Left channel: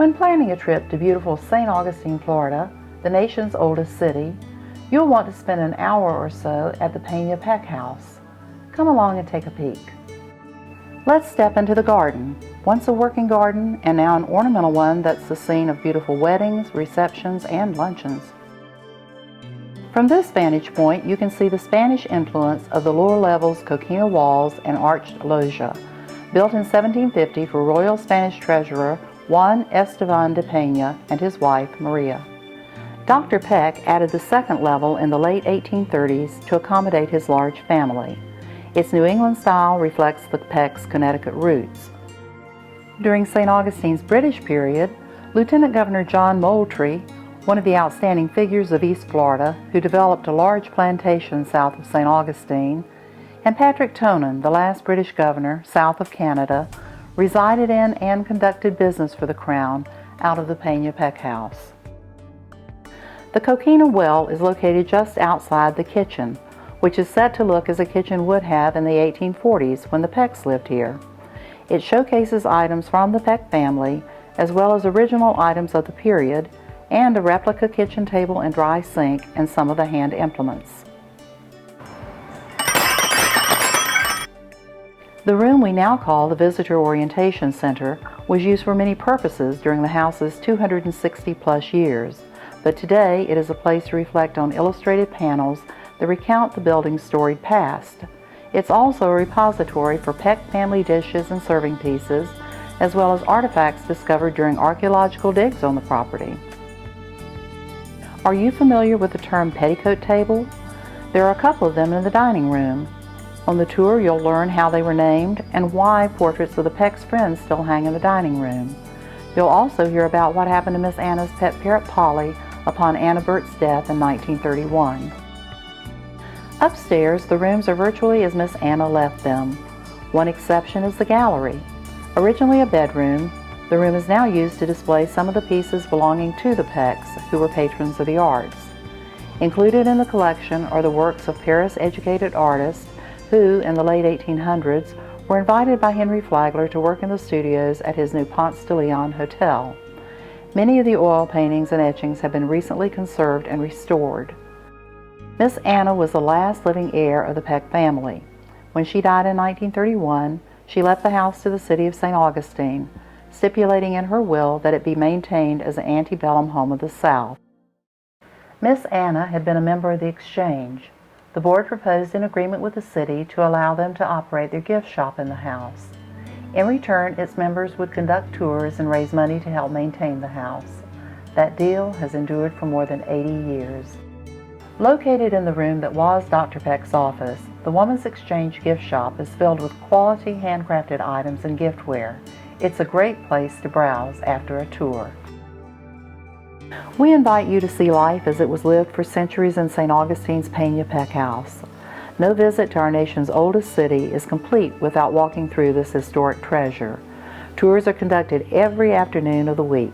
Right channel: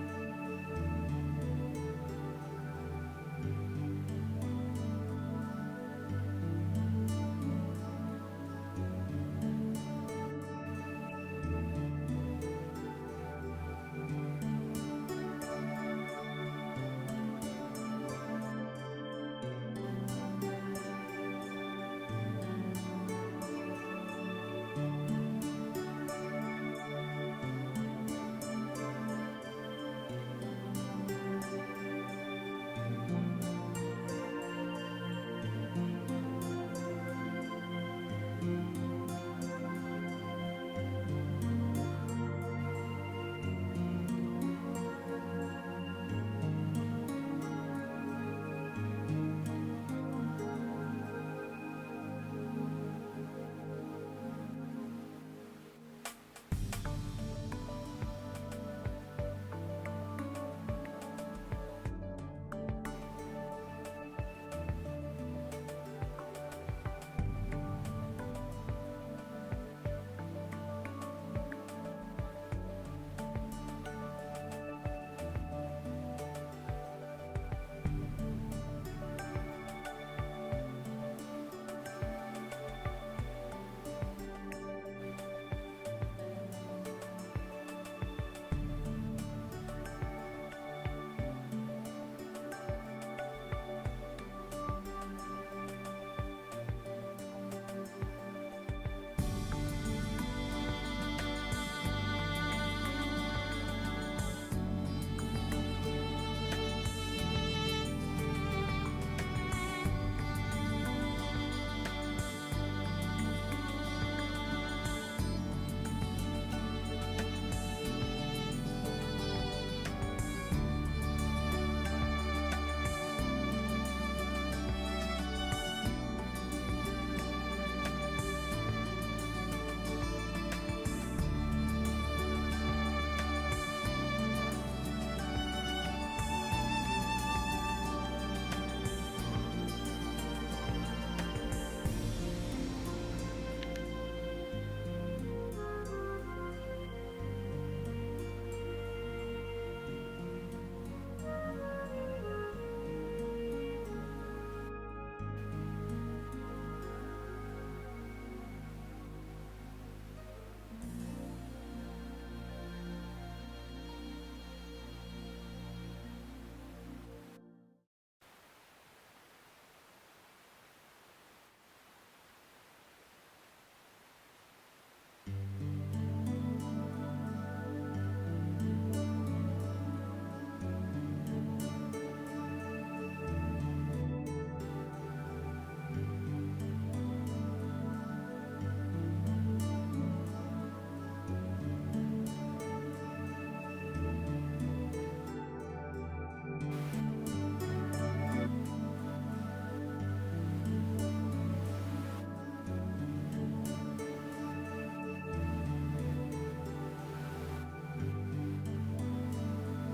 When planning a trip to beautiful St. Augustine, Florida, the nation's oldest city, you'll want to spend an hour or so at the Peña-Peck House. Come along and take a peek. Let's step into the garden, once a working garden and now an ornamental one that's the scene of beautiful weddings, receptions, and luncheons. From this vantage point, you can see the Spanish influence of the lower level's coquina walls and arched loggia, built in 1750 for Royal Spanish Treasurer Juan Esteban de Peña and his wife, Maria. Dr. Peck added the second level in the late 1830s to accommodate his large family. Its New England style reflects the Peck's Connecticut roots. During St. Augustine's British period, Lieutenant Governor John Moultrie, one of the outstanding figures of East Florida who developed a large plantation south of St. Augustine, and Patrick Tonin, the last British governor south of Canada, resided in and conducted business for the Crown out of the Peña-Peck House. The coquina well is located just outside the kitchen, which is set to look as a kitchen would have in the 1840s when the Pecks lived here. It showcases items from the Peck family, as well as original items of the period, and a replica kitchen table and dry sink and some of the hand implements. The room we now call the Visitor Orientation Center was used for many purposes during the house's 260-plus years, but today it is a place to reflect on illustrated panels that recount the building's storied past. It's also a repository for Peck family dishes and serving pieces, as well as artifacts discovered during archaeological digs on the property. Are you familiar with the term petticoat table? There are a couple of them in the dining room. On the tour, you'll learn how they were named and why portraits of the Peck's friends still hang in the dining room. You'll also hear about what happened to Miss Anna's pet parrot Polly upon Anna Burt's death in 1931. Upstairs, the rooms are virtually as Miss Anna left them. One exception is the gallery. Originally a bedroom, the room is now used to display some of the pieces belonging to the Pecks, who were patrons of the arts. Included in the collection are the works of Paris-educated artists who, in the late 1800s, were invited by Henry Flagler to work in the studios at his new Ponce de Leon hotel. Many of the oil paintings and etchings have been recently conserved and restored. Miss Anna was the last living heir of the Peck family. When she died in 1931, she left the house to the city of St. Augustine, stipulating in her will that it be maintained as an antebellum home of the South. Miss Anna had been a member of the Exchange. The board proposed an agreement with the city to allow them to operate their gift shop in the house. In return, its members would conduct tours and raise money to help maintain the house. That deal has endured for more than 80 years. Located in the room that was Dr. Peck's office, the Woman's Exchange gift shop is filled with quality handcrafted items and giftware. It's a great place to browse after a tour. We invite you to see life as it was lived for centuries in St. Augustine's Peña-Peck House. No visit to our nation's oldest city is complete without walking through this historic treasure. Tours are conducted every afternoon of the week.